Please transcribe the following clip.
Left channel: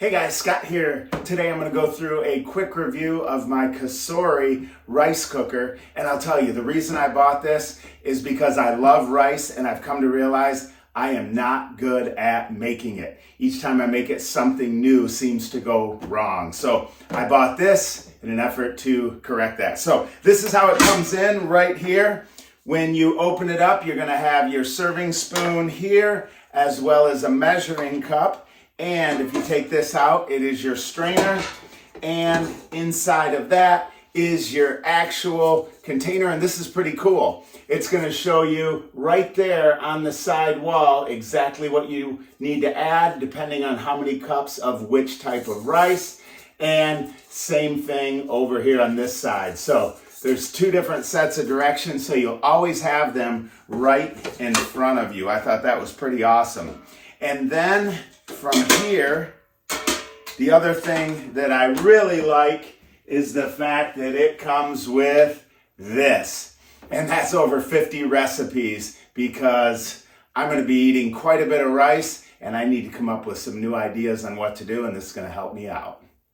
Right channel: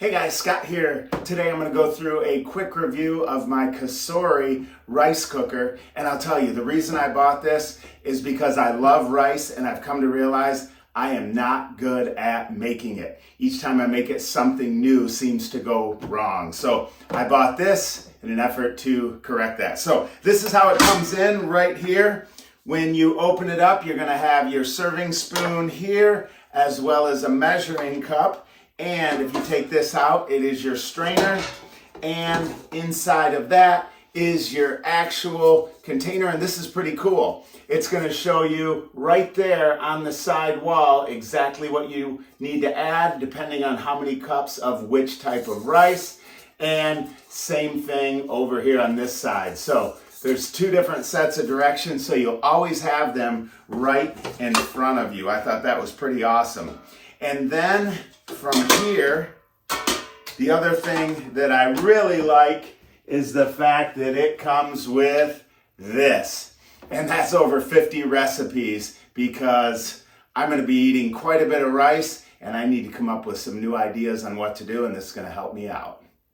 Hey guys, Scott here. Today I'm going to go through a quick review of my COSORI Rice Cooker. And I'll tell you, the reason I bought this is because I love rice and I've come to realize I am not good at making it. Each time I make it, something new seems to go wrong. So I bought this in an effort to correct that. So this is how it comes in right here. When you open it up, you're going to have your serving spoon here as well as a measuring cup. And if you take this out, it is your strainer, and inside of that is your actual container, and this is pretty cool. It's going to show you right there on the side wall exactly what you need to add depending on how many cups of which type of rice, and same thing over here on this side. So there's two different sets of directions, so you'll always have them right in front of you. I thought that was pretty awesome. And then from here, the other thing that I really like is the fact that it comes with this. And that's over 50 recipes because I'm going to be eating quite a bit of rice and I need to come up with some new ideas on what to do, and this is going to help me out.